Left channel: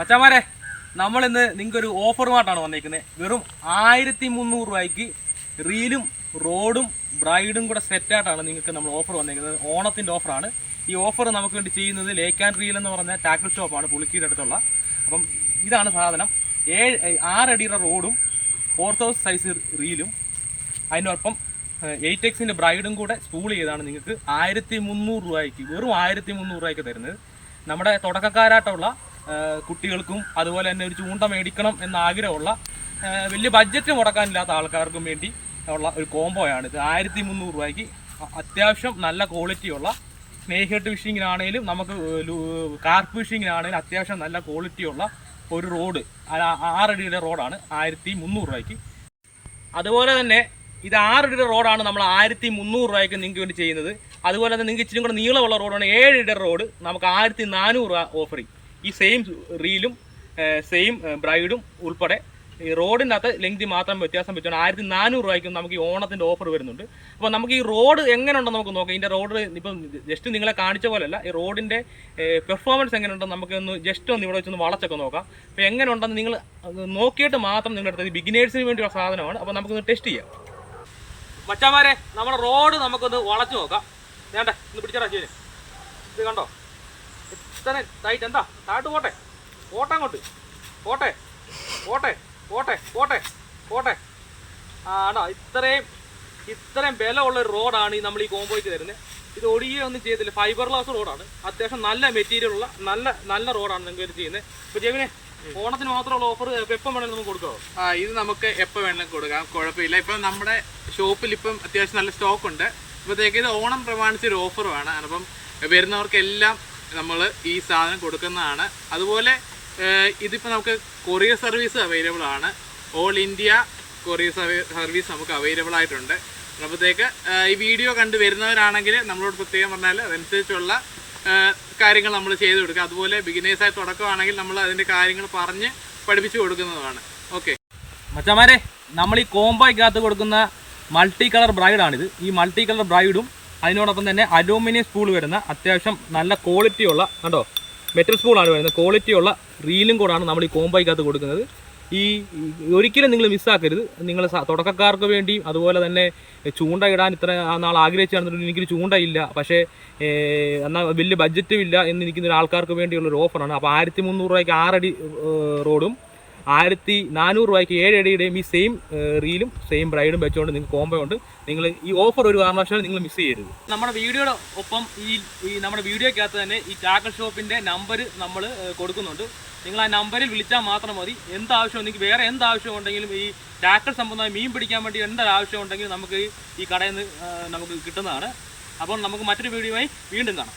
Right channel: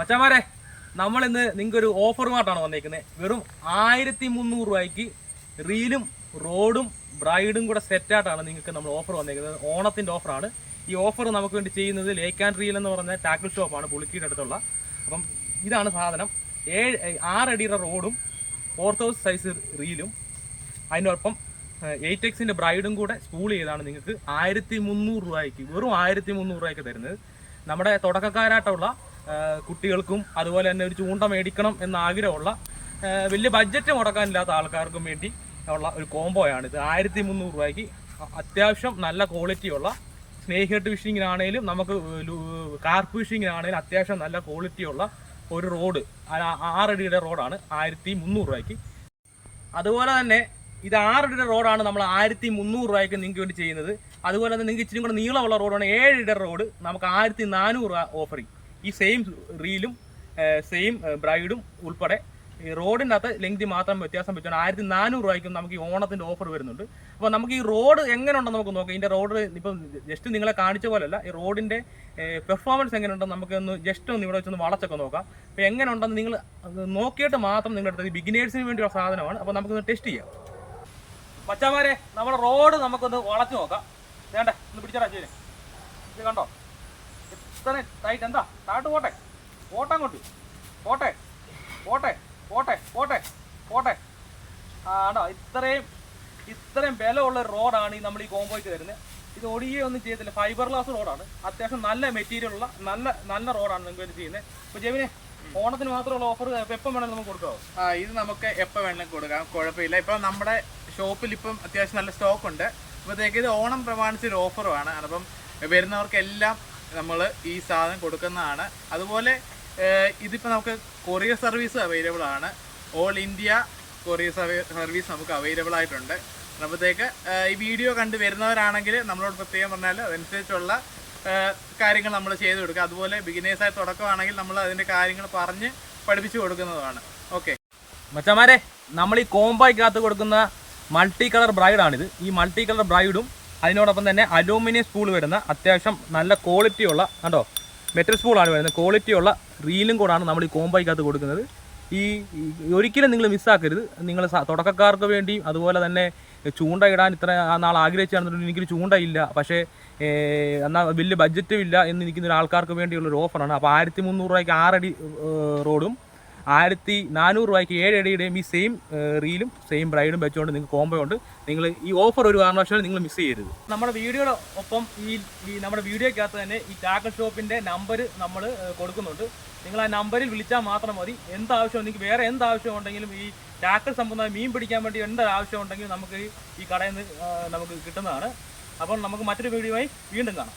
മച്ചാമാരെ നമ്മൾ ഇന്ന് നിങ്ങൾക്ക് ഒരു ഓഫറുമായിട്ടാണ് വന്നേക്കുന്നത്. വെറും ആയിരത്തി മുന്നൂറ് രൂപയ്ക്ക് റീലും റോഡും ബ്രൈഡും കൂടെ സെറ്റായിട്ടാണ് നിങ്ങൾക്ക് നമ്മൾ ഓഫർ വന്നേക്കുന്നത്. ഓണത്തിന്റെ ഓഫറാണ് ഈ ഓഫർ നമുക്ക് വേണ്ടി ചെയ്യുന്നത് ലേക്ക് ആൻഡ് റീൽ എന്ന് പറഞ്ഞ ടാക്കിൾ ഷോപ്പാണ് പുളിക്കിയുടെ അടുത്തുള്ള. അപ്പം ഇതാണ് സാധനം. ഏഴ് ആറടിയുടെ റോഡും ഫോർ തൗസൻഡ് സൈസ് റീലും അതിനൊപ്പം എയ്റ്റ് എക്സിന്റെ ബ്രൈഡും കൂടെ സ്പൂൾ ചെയ്താണ് നിങ്ങൾക്ക് ആയിരത്തി മുന്നൂറ് രൂപയ്ക്ക് വെറും ആയിരത്തി മുന്നൂറ് രൂപയ്ക്ക് തരുന്നത്. നമ്മുടെ തുടക്കക്കാരായിട്ടുള്ള കുട്ടികൾക്കും അതുപോലെ തന്നെ ഒരു ചൂണ്ട മേടിക്കണം എന്ന ആഗ്രഹമുള്ള വലിയ ബഡ്ജറ്റ് മുടക്കാനില്ലാത്ത ആൾക്കാർക്കും വേണ്ടി ഉള്ള ഒരു കോംബോയാണ് ഇത് ആയിരത്തി മുന്നൂറ് രൂപയ്ക്ക് അത്യാവശ്യം നല്ല ക്വാളിറ്റിയുള്ള സ്നേഹിട്ട് ഫിഷിങ്ങിനാണേലും നമുക്ക് കാർപ്പ് ഫിഷിങ്ങിനാണേലും അത്യാവശ്യം നല്ല ക്വാളിറ്റിയുള്ള ഒരു റോഡ് ആറടിയുടെ റോഡാണ് ആയിരത്തി മുന്നൂറ് രൂപയ്ക്ക്. അതുപോലെ തന്നെ ഇത് ആറടിയുടെ റോഡാണ് നമ്മൾ ആയിരത്തി മുന്നൂറ് രൂപയ്ക്ക് നിങ്ങൾക്ക് വേണ്ടി ചെയ്യുന്നത്. അതുപോലെ തന്നെ നിങ്ങൾക്ക് ഇച്ചിരി കൂടെ നീളമുള്ള റോഡാണ് ഏഴടിയുടെ റോഡ് നമുക്ക് ആയിരത്തി നാനൂറ് രൂപ ചെയ്യും ഈ സെയിം റീലും സെയിം ബ്രൈഡും ഉൾപ്പെടെ ഈ റോഡിന്റെ അകത്ത് ലെങ്തി മാത്രം വ്യത്യാസം വെച്ചാണ് ആയിരത്തി നാനൂറ് രൂപയ്ക്കും നമുക്ക് ഈ ഓണത്തിന്റെ ഓഫർ വരുന്നുണ്ട്. അപ്പോൾ നമുക്ക് ഈ റോഡ് എങ്ങനെ ഉണ്ടെന്ന് നമുക്ക് നോക്കാം. ഇതിന്റെ റോഡ് ഇപ്പം ജസ്റ്റ് നിങ്ങളെ കാണിച്ച പോലെയല്ല. ഈ റോഡിന്റെ പെർഫോമൻസ് എങ്ങനെയുണ്ടെന്ന് നമുക്ക് ഒന്ന് ജസ്റ്റ് ഒന്ന് ഇവിടെ വെച്ചൊന്ന് വളച്ചൊക്കെ നോക്കാം. അപ്പോൾ എങ്ങനെ ഉണ്ടെന്ന് നിങ്ങൾ നോക്കിയിട്ട് മാത്രം നിങ്ങളുടെ അടുത്ത് ബിഗിനേഴ്സിന് വേണ്ടിയുള്ള സാധനമാണ്. അപ്പോൾ നമുക്കൊന്ന് ടെസ്റ്റ് ചെയ്യാം. പച്ചമാരെ നമ്മുടെ റോഡ് നമുക്കൊന്ന് വളച്ചു നോക്കാം. വേണ്ടേ? ഒന്ന് പിടിച്ചടാ ശരി. ഇത് കണ്ടോ? ഇത്ര ടൈറ്റ് എന്താ? താട്ട് പോട്ടെ. പോട്ടെ അങ്ങോട്ട്. പോട്ടെ. പോട്ടെ. പോട്ടെ. പോട്ടെ. പോട്ടെ. ആണോ ഇത്രയും ഇത്രയും ബലമുള്ള ഒരു റോഡാണ് ഈ നമ്മൾ ഈ കോമ്പോയ്ക്ക് തരുന്നത് ഇത് ഒടിയൊന്നും ചെയ്തില്ല ഫൈബർ ഗ്ലാസ് റോഡാണ്. അത്യാവശ്യം നല്ല മെറ്റീരിയൽ ഉള്ള നല്ല നല്ല റോഡാണ് നിങ്ങൾക്ക് ഇത് ചെയ്യുന്നത് ഇപ്പോൾ ജെവിനെ ഓണത്തിന് മാത്രമുള്ള ഓഫർ എപ്പം വേണമെങ്കിലും നമുക്ക് കൊടുക്കാമോ ആ ഇത് നമുക്ക് എപ്പോൾ വേണമെങ്കിലും കൊടുക്കാം. കുഴപ്പമില്ല. ഇപ്പം നമ്മുടെ ഷോപ്പിൽ ഇപ്പം അത്യാവശ്യം നല്ല സ്റ്റോക്ക് ഉണ്ട്. ഇപ്പോഴത്തേക്ക് ഇത് ഓണം പ്രമാണിച്ചൊരു ഓഫറുമാണ് അപ്പം വരുന്നവർക്കെല്ലാം നമ്മൾ ഈ സാധനം കൊടുക്കുന്നതാണ്. അതുപോലെ ഇതിപ്പോൾ നമുക്ക് കൊറിയർ സർവീസ് അവൈലബിൾ ആണ്. ഓൾ ഇന്ത്യ കൊറിയർ സർവീസ് നമുക്ക് അവൈലബിൾ ആയിട്ടുണ്ട്. അപ്പോഴത്തേക്ക് ഈ വീഡിയോ കണ്ട് വരുന്നവരാണെങ്കിൽ നമ്മളോട് പ്രത്യേകം പറഞ്ഞാൽ അതനുസരിച്ചുള്ള കാര്യങ്ങൾ നമ്മൾ ചെയ്ത് കൊടുക്കുക. അതുപോലെ ബിഗിനേഴ്സായി തുടക്കമാണെങ്കിൽ നമ്മൾ അതിന്റെ കാര്യങ്ങൾ പറഞ്ഞ് പഠിപ്പിച്ചു കൊടുക്കുന്നതാണ്. ഓക്കെ മച്ചന്മാരെ നമ്മൾ ഈ കോംബോയ്ക്കകത്ത് കൊടുക്കുന്ന മൾട്ടി കളർ ബ്രൈഡാണിത് ഈ മൾട്ടി കളർ ബ്രൈഡും അതിനോടൊപ്പം തന്നെ അലൂമിനിയം സ്പൂൾ വരുന്ന അത്യാവശ്യം നല്ല ക്വാളിറ്റിയുള്ള കണ്ടോ? മെറ്റൽ സ്പൂളാണ് വരുന്നത്. ക്വാളിറ്റിയുള്ള റീലും കൂടാണ് നമ്മൾ ഈ കോമ്പോയ്ക്കകത്ത് കൊടുക്കുന്നത്. ഈ ഒരിക്കലും നിങ്ങൾ മിസ്സാക്കരുത് നിങ്ങൾ തുടക്കക്കാർക്ക് വേണ്ടിയും അതുപോലെ തന്നെ ചൂണ്ട ഇടാൻ ഇത്ര നാൾ ആഗ്രഹിച്ചാണെന്നുണ്ടെങ്കിൽ എനിക്കൊരു ചൂണ്ടയില്ല പക്ഷേ എന്നാൽ വലിയ ബഡ്ജറ്റും ഇല്ല എന്ന് നിൽക്കുന്ന ആൾക്കാർക്ക് വേണ്ടിയുള്ള ഒരു ഓഫറാണ് അപ്പോൾ ആയിരത്തി മുന്നൂറ് രൂപയ്ക്ക് ആറടി റോഡും ആയിരത്തി നാനൂറ് രൂപയ്ക്ക് ഏഴ് അടിയുടെയും ഈ സെയിം റീലും സെയിം ബ്രൈഡും വെച്ചുകൊണ്ട് നിങ്ങൾക്ക് കോംബോ ഉണ്ട്. നിങ്ങൾ ഈ ഓഫർ ഒരു കാരണവശാലും നിങ്ങൾ മിസ് ചെയ്യരുത്. നമ്മുടെ വീഡിയോയുടെ ഒപ്പം ഈ ഈ നമ്മുടെ വീഡിയോക്കകത്ത് തന്നെ ഈ ടാക്കൽ ഷോപ്പിന്റെ നമ്പർ നമ്മൾ കൊടുക്കുന്നുണ്ട്. നിങ്ങൾ ആ നമ്പറിൽ വിളിച്ചാൽ മാത്രം മതി. എന്താവശ്യം നിങ്ങൾക്ക് വേറെ എന്താവശ്യം ഉണ്ടെങ്കിലും ഈ ടാക്കൽ സംബന്ധമായി മീൻ പിടിക്കാൻ വേണ്ടി എന്താ ആവശ്യം ഉണ്ടെങ്കിലും നമുക്ക് ഈ കടയിൽ നിന്ന് നമുക്ക് കിട്ടുന്നതാണ്. അപ്പോൾ നമുക്ക് മറ്റൊരു വീഡിയോയുമായി വീണ്ടും കാണാം.